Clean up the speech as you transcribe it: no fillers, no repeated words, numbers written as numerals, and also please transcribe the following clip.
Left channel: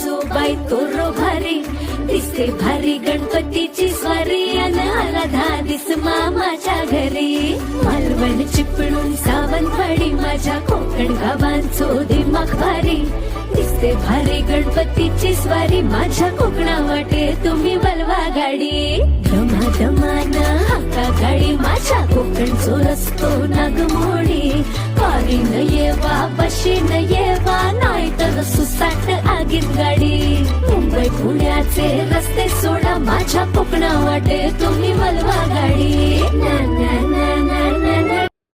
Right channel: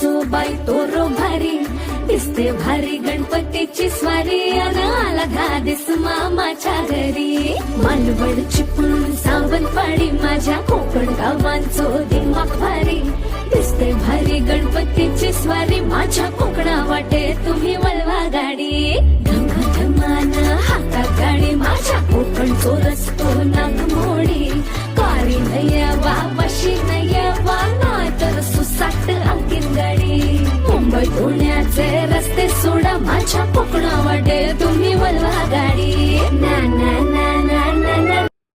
जो बाई तोरो भारी दिसते भारी गणपतीची स्वारी अन आला धादिस मामाच्या घरी मालवण चिपळूण सावंतवाडी माझ्या कोकण गावांचो दिमाग भारी दिसते भारी गणपतीची स्वारी माझ्या कोकणा वाटे तुम्ही वलवा गाडी धमान हाका गाडी माझ्या कोकणचो रस्तो नागमोडी कारी नये वा बशी नये वा नाही तर सुसाट आगीन गाडी मुंबई पुण्याचे रस्ते सोडा माझ्या कोकणा वाटे तुम्ही वलवा